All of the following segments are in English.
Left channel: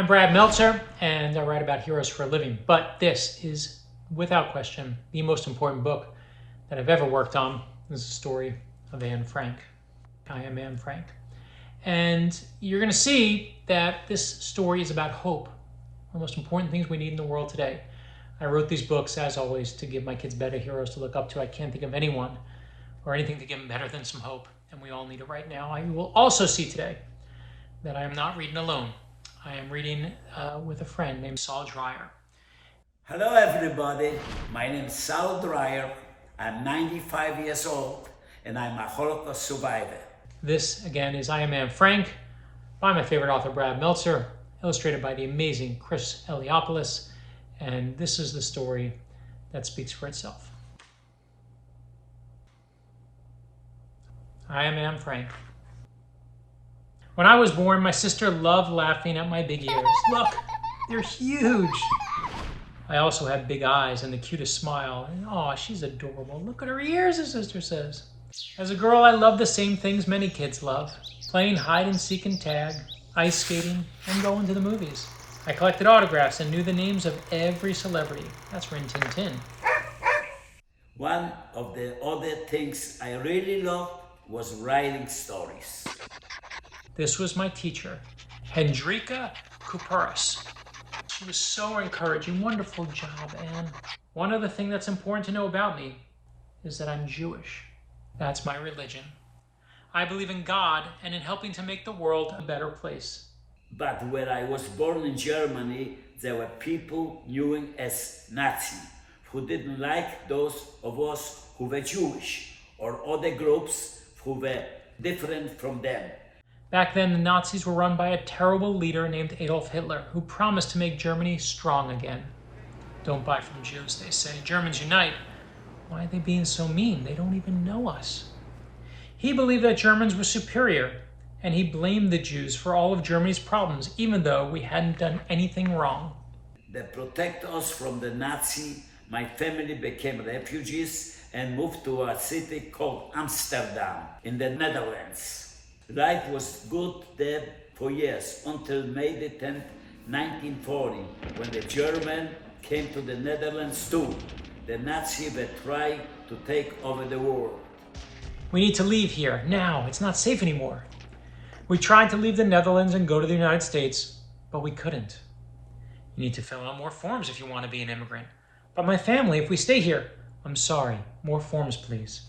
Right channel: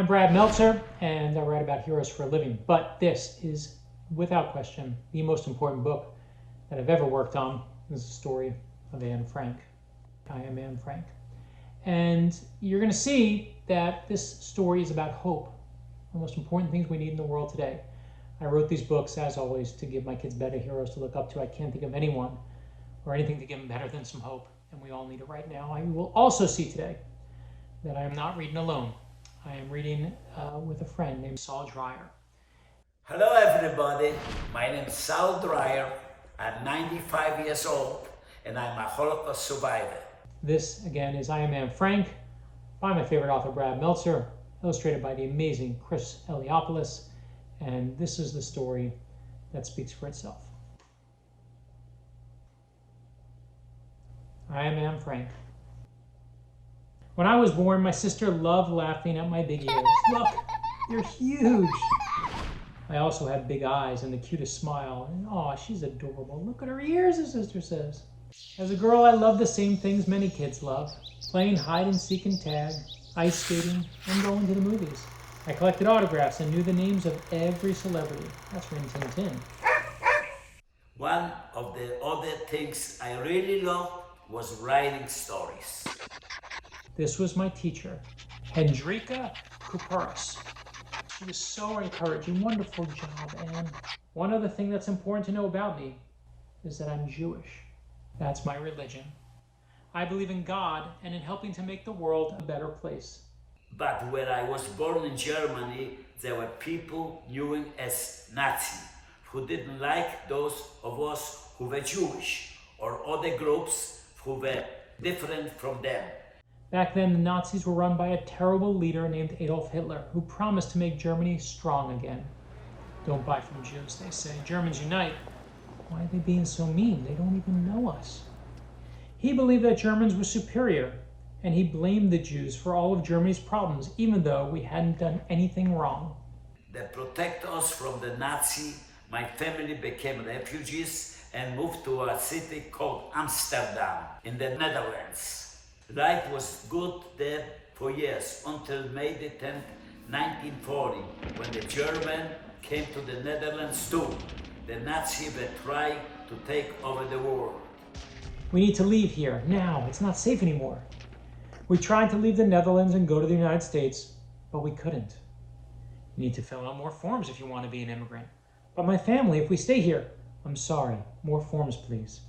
I'm Brad Meltzer, and I write about heroes for a living. But this is, without question, the most important book that I've ever worked on. This is the story of Anne Frank. I am Anne Frank. And you're going to see that this story is about hope, one of the most important things we need in the world today. I wrote these books, as always, to give my kids better heroes to look up to. I can't think of anyone or anything to give them better than some hope, and we all need it right now. I will also see today that I am not reading alone. I am reading with a friend named Saul Dreier. Hello everybody, my name is Saul Dreier. I'm 95 years old and I'm a Holocaust survivor. This, again, is I Am Anne Frank by my favorite author, Brad Meltzer, illustrated by the amazing Chris Eliopoulos, and this is the story that speaks for itself. I Am Anne Frank. When I was born, my sister loved laughing at my big ears. Look, they're huge. I also had big eyes and the cutest smile. And, oh, she's adorable. Look at her ears, his sister says. As a girl, I loved the same things many kids love. Playing hide and seek and tag, ice skating, and going to the movies. I collected autographs and knew the names of every celebrity. That's for Tintin. One of the other things I really loved was writing stories. This was my teacher, Hendrika Kuperas. She was so encouraging. Wonderful job, Anne. One other thing that's important to know about me is that I'm Jewish. That's my religion. I believe in God and in helping to make the world a better place. But where I was born in Germany, there were people known as Nazi who didn't like those of us who were Jewish or other groups who were different from them. Back then, the Nazis were run by a terrible leader named Adolf Hitler, who promised to make Germany strong again. Don't buy from Jews, they say. Germans unite. Why are they being so mean? They don't even know us. He believed that Germans were superior, and he blamed the Jews for all of Germany's problems, even though we hadn't done anything wrong. To protect us from the Nazi, my family became refugees and moved to a city called Amsterdam in the Netherlands. Life was good there for years until May the 10th, 1940, when the Germans came to the Netherlands too. The Nazis were trying to take over the world. We need to leave here, now. It's not safe anymore. We tried to leave the Netherlands and go to the United States, but we couldn't. You need to fill out more forms if you want to be an immigrant. But my family, if we stay here, I'm sorry, more forms, please.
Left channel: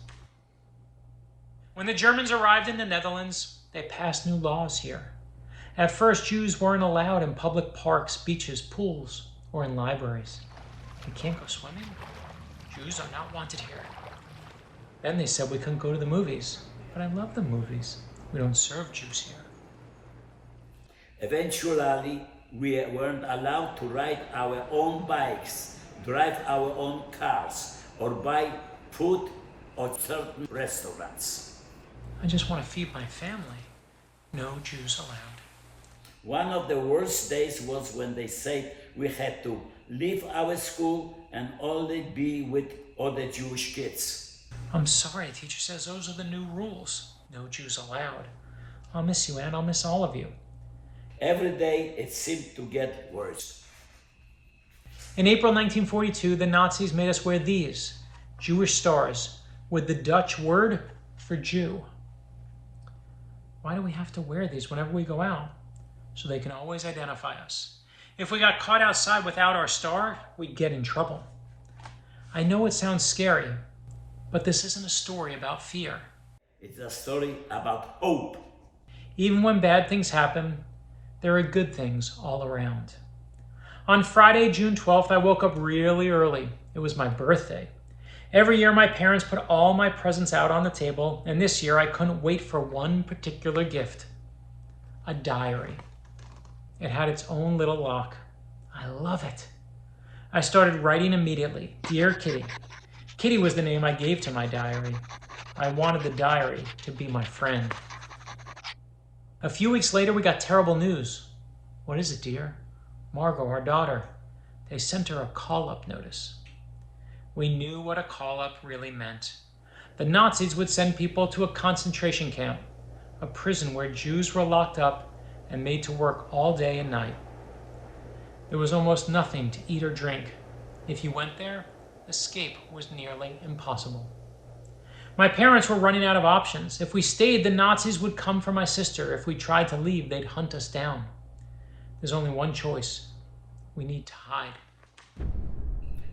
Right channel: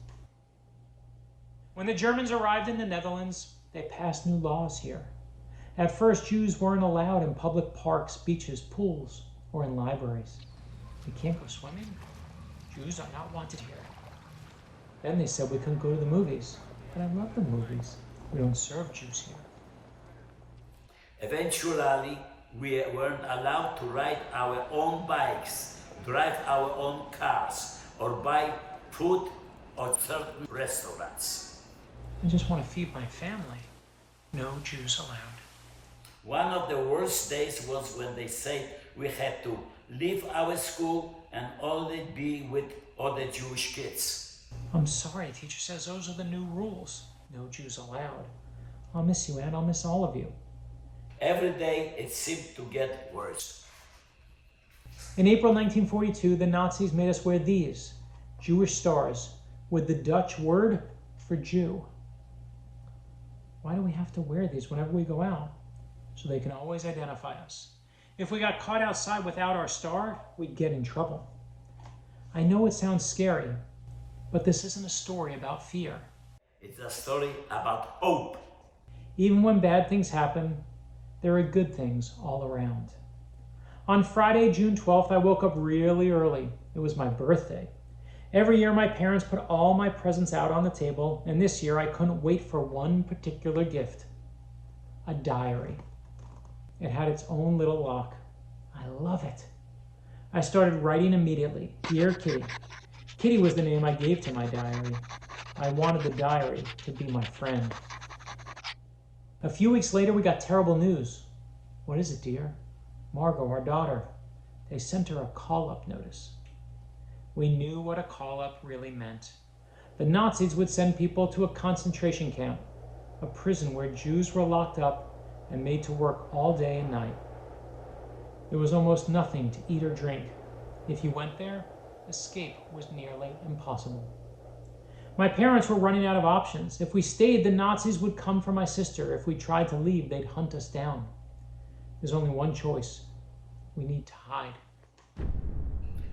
When the Germans arrived in the Netherlands, they passed new laws here. At first, Jews weren't allowed in public parks, beaches, pools, or in libraries. We can't go swimming. Jews are not wanted here. Then they said we couldn't go to the movies. But I love the movies. We don't serve Jews here. Eventually, we weren't allowed to ride our own bikes, drive our own cars, or buy food at certain restaurants. I just want to feed my family. No Jews allowed. One of the worst days was when they said we had to leave our school and only be with other Jewish kids. I'm sorry, the teacher says those are the new rules. No Jews allowed. I'll miss you, Anne. I'll miss all of you. Every day it seemed to get worse. In April 1942, the Nazis made us wear these Jewish stars with the Dutch word for Jew. Why do we have to wear these whenever we go out? So they can always identify us. If we got caught outside without our star, we'd get in trouble. I know it sounds scary, but this isn't a story about fear. It's a story about hope. Even when bad things happen, there are good things all around. On Friday, June 12th, I woke up really early. It was my birthday. Every year, my parents put all my presents out on the table, and this year, I couldn't wait for one particular gift. A diary. It had its own little lock. I love it. I started writing immediately. Dear Kitty. Kitty was the name I gave to my diary. I wanted the diary to be my friend. A few weeks later, we got terrible news. What is it, dear? Margot, our daughter. They sent her a call-up notice. We knew what a call-up really meant. The Nazis would send people to a concentration camp, a prison where Jews were locked up and made to work all day and night. There was almost nothing to eat or drink. If you went there, escape was nearly impossible. My parents were running out of options. If we stayed, the Nazis would come for my sister. If we tried to leave, they'd hunt us down. There's only one choice. We need to hide.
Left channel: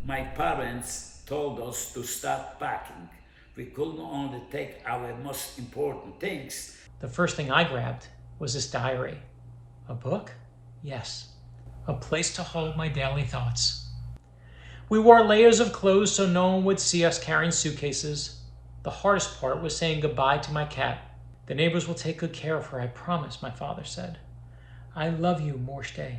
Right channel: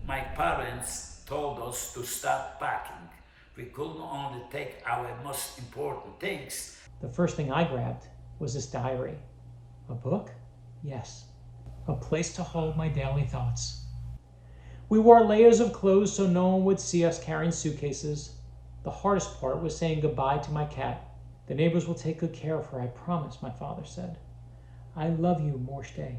My parents told us to start packing. We couldn't only take our most important things. The first thing I grabbed was this diary. A book? Yes. A place to hold my daily thoughts. We wore layers of clothes so no one would see us carrying suitcases. The hardest part was saying goodbye to my cat. The neighbors will take good care of her, I promise, my father said. I love you, Morshday.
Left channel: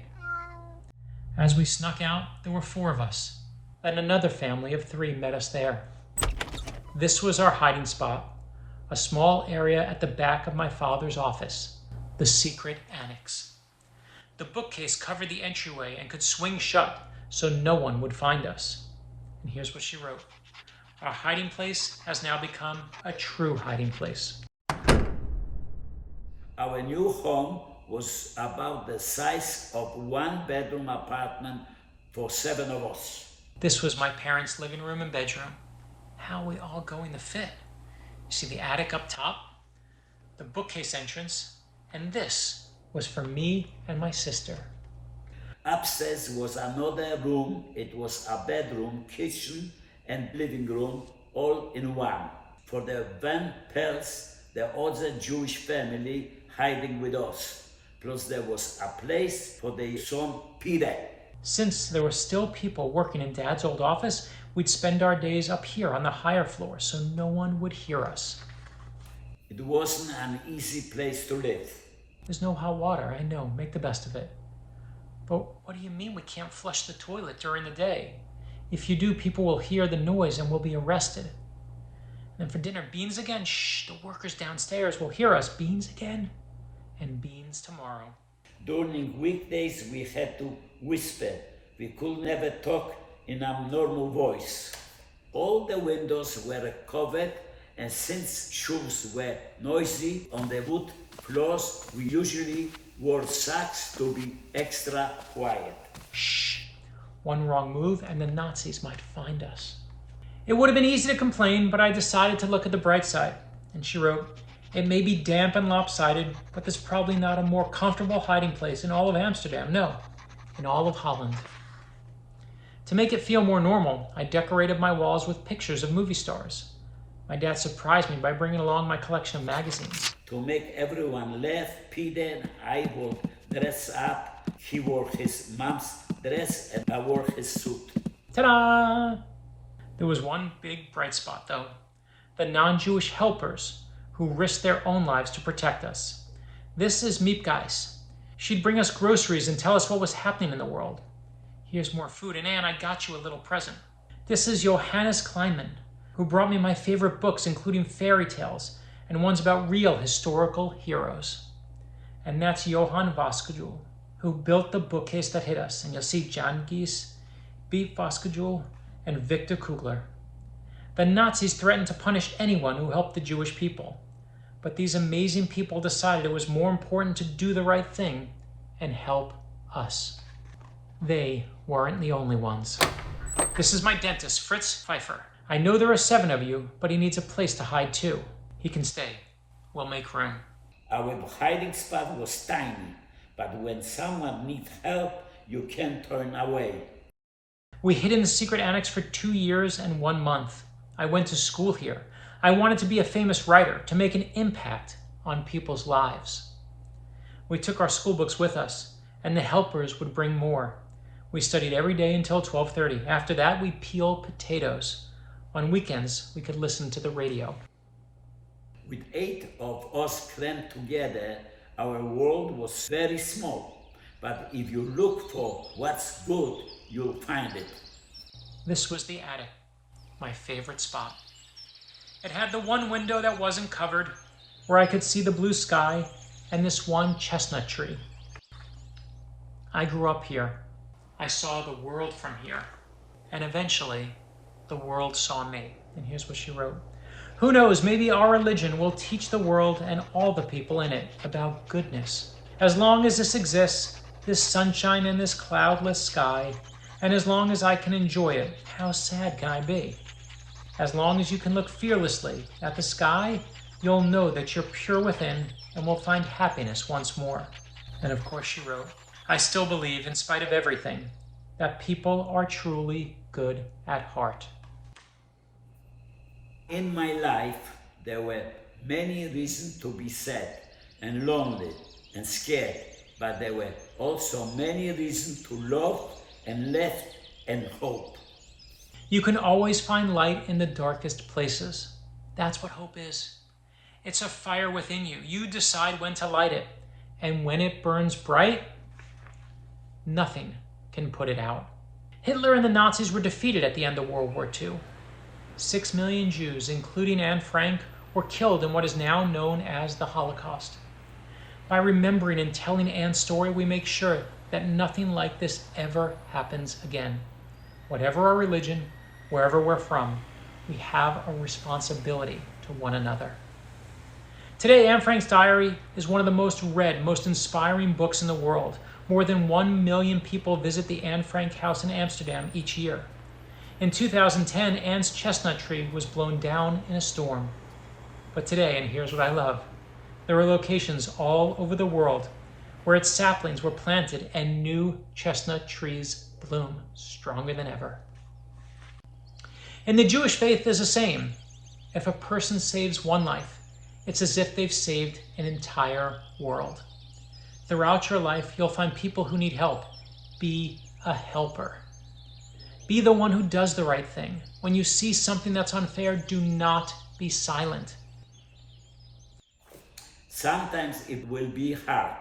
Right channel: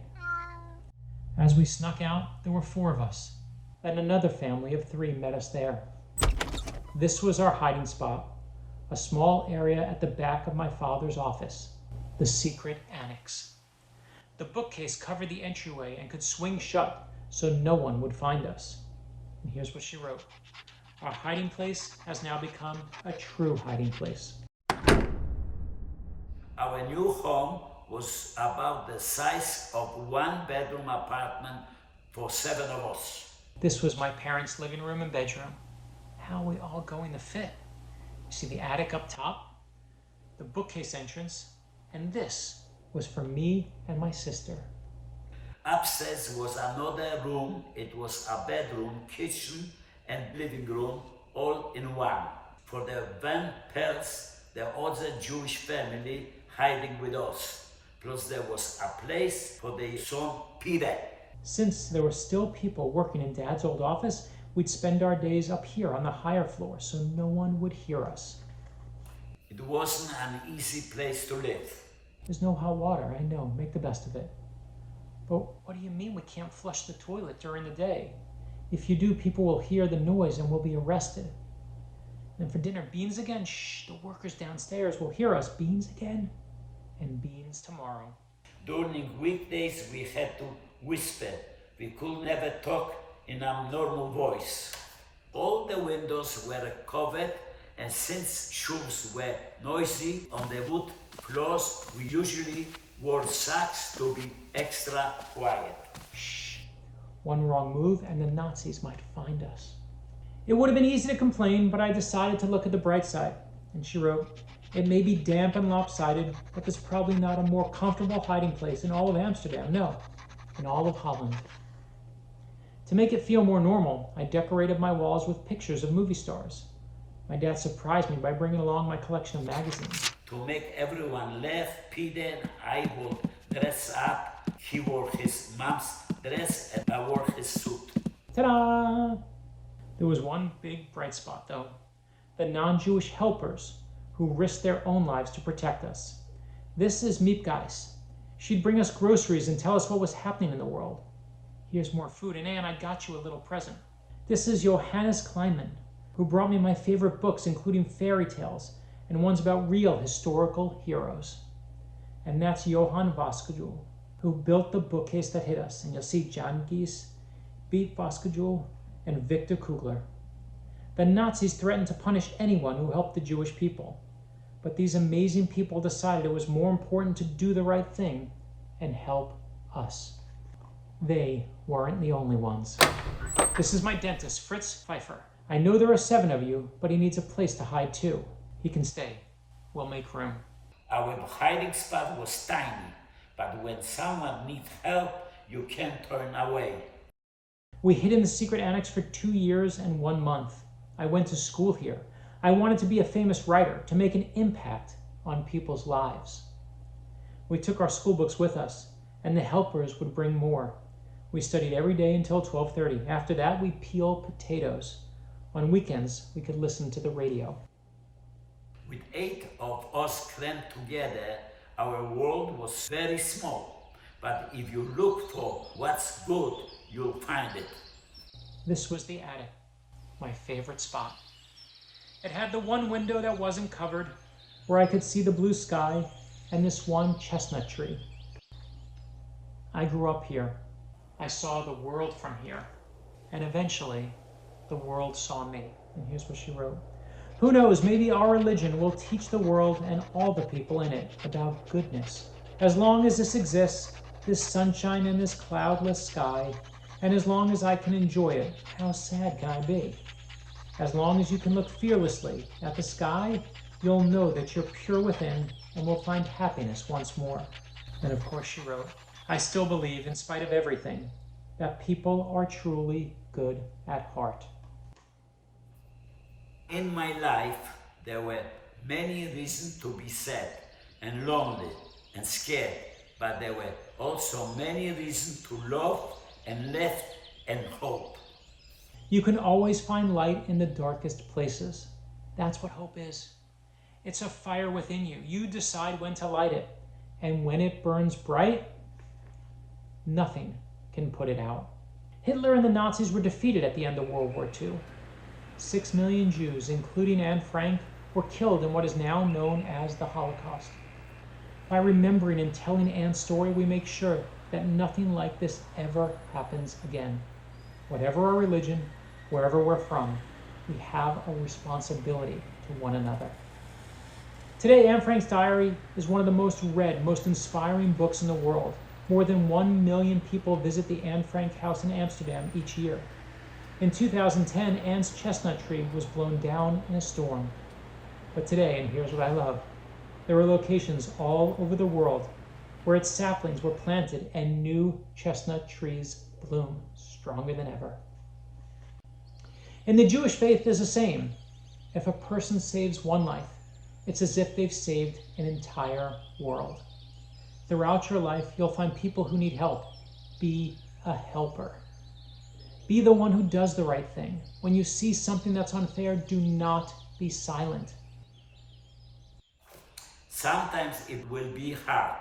As we snuck out, there were 4 of us. Then another family of 3 met us there. This was our hiding spot, a small area at the back of my father's office, the secret annex. The bookcase covered the entryway and could swing shut so no one would find us. And here's what she wrote. Our hiding place has now become a true hiding place. Our new home was about the size of 1-bedroom apartment for 7 of us. This was my parents' living room and bedroom. How are we all going to fit? You see the attic up top, the bookcase entrance, and this was for me and my sister. Upstairs was another room. It was a bedroom, kitchen, and living room all in one. For the Van Pels, the other Jewish family hiding with us. Plus there was a place for their son Peter. Since there were still people working in Dad's old office, we'd spend our days up here on the higher floor so no one would hear us. It wasn't an easy place to live. There's no hot water, I know, make the best of it. But what do you mean we can't flush the toilet during the day? If you do, people will hear the noise and we'll be arrested. And then for dinner, beans again? Shh, the workers downstairs will hear us. Beans again? And beans tomorrow. During weekdays, we had to whisper. We could never talk in a normal voice. All the windows were covered, and since shoes were noisy on the wood floors, we usually wore socks to be extra quiet. Shh. One wrong move and the Nazis might find us. It would have been easy to complain, but I decided to look at the bright side. And she wrote, it may be damp and lopsided, but there's probably not a more comfortable hiding place in all of Amsterdam. No, in all of Holland. To make it feel more normal, I decorated my walls with pictures of movie stars. My dad surprised me by bringing along my collection of magazines. To make everyone laugh, Peter and I would dress up. He wore his mom's dress and I wore his suit. Ta-da! There was one big bright spot, though. The non-Jewish helpers who risked their own lives to protect us. This is Miepgeis. She'd bring us groceries and tell us what was happening in the world. Here's more food, and Anne, I got you a little present. This is Johannes Kleinman, who brought me my favorite books, including fairy tales and ones about real historical heroes. And that's Johann Voskujul, who built the bookcase that hit us. And you'll see Jan Gies, Beat Voskujul, and Victor Kugler. The Nazis threatened to punish anyone who helped the Jewish people. But these amazing people decided it was more important to do the right thing and help us. They weren't the only ones. This is my dentist, Fritz Pfeiffer. I know there are 7 of you, but he needs a place to hide too. He can stay. We'll make room. Our hiding spot was tiny, but when someone needs help, you can't turn away. We hid in the secret annex for 2 years and 1 month. I went to school here. I wanted to be a famous writer, to make an impact on people's lives. We took our school books with us, and the helpers would bring more. We studied every day until 12:30. After that, we peeled potatoes. On weekends, we could listen to the radio. With 8 of us crammed together, our world was very small. But if you look for what's good, you'll find it. This was the attic, my favorite spot. It had the one window that wasn't covered, where I could see the blue sky and this one chestnut tree. I grew up here. I saw the world from here. And eventually, the world saw me. And here's what she wrote. Who knows, maybe our religion will teach the world and all the people in it about goodness. As long as this exists, this sunshine and this cloudless sky, and as long as I can enjoy it, how sad can I be? As long as you can look fearlessly at the sky, you'll know that you're pure within and will find happiness once more. And of course she wrote, I still believe, in spite of everything, that people are truly good at heart. In my life, there were many reasons to be sad and lonely and scared, but there were also many reasons to love and laugh and hope. You can always find light in the darkest places. That's what hope is. It's a fire within you. You decide when to light it. And when it burns bright, nothing can put it out. Hitler and the Nazis were defeated at the end of World War II. 6 million Jews, including Anne Frank, were killed in what is now known as the Holocaust. By remembering and telling Anne's story, we make sure that nothing like this ever happens again. Whatever our religion, wherever we're from, we have a responsibility to one another. Today, Anne Frank's diary is one of the most read, most inspiring books in the world. More than 1 million people visit the Anne Frank house in Amsterdam each year. In 2010, Anne's chestnut tree was blown down in a storm. But today, and here's what I love, there are locations all over the world where its saplings were planted and new chestnut trees bloom stronger than ever. In the Jewish faith, there's the same. If a person saves one life, it's as if they've saved an entire world. Throughout your life, you'll find people who need help. Be a helper. Be the one who does the right thing. When you see something that's unfair, do not be silent. Sometimes it will be hard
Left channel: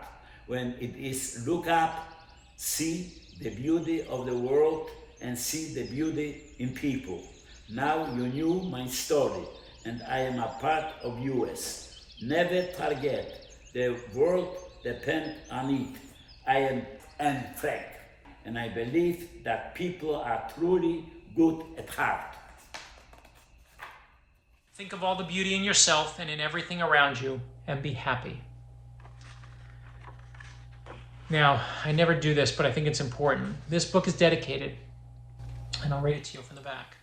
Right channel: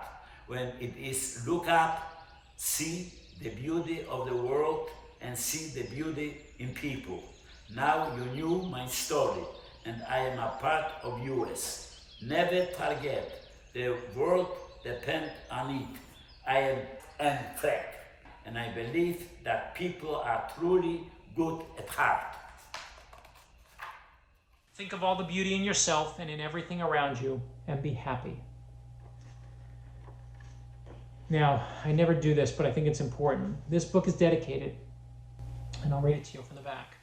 when it is look up, see the beauty of the world and see the beauty in people. Now you knew my story and I am a part of yours. Never forget, the world depends on it. I am Anne Frank, and I believe that people are truly good at heart. Think of all the beauty in yourself and in everything around you, and be happy. Now, I never do this, but I think it's important. This book is dedicated, and I'll read it to you from the back.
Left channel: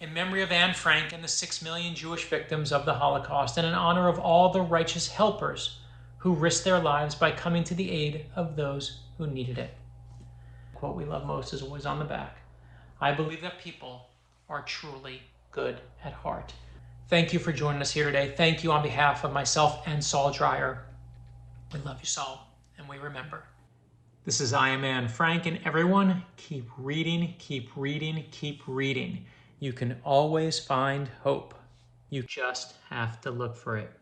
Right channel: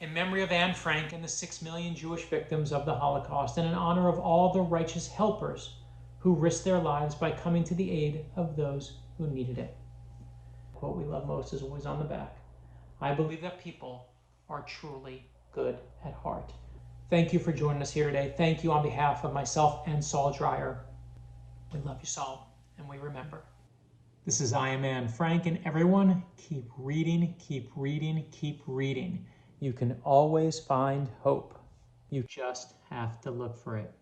In memory of Anne Frank and the 6 million Jewish victims of the Holocaust, and in honor of all the righteous helpers who risked their lives by coming to the aid of those who needed it. The quote we love most is always on the back. I believe that people are truly good at heart. Thank you for joining us here today. Thank you on behalf of myself and Saul Dreier. We love you, Saul, and we remember. This is I Am Anne Frank, and everyone, keep reading, keep reading, keep reading. You can always find hope. You just have to look for it.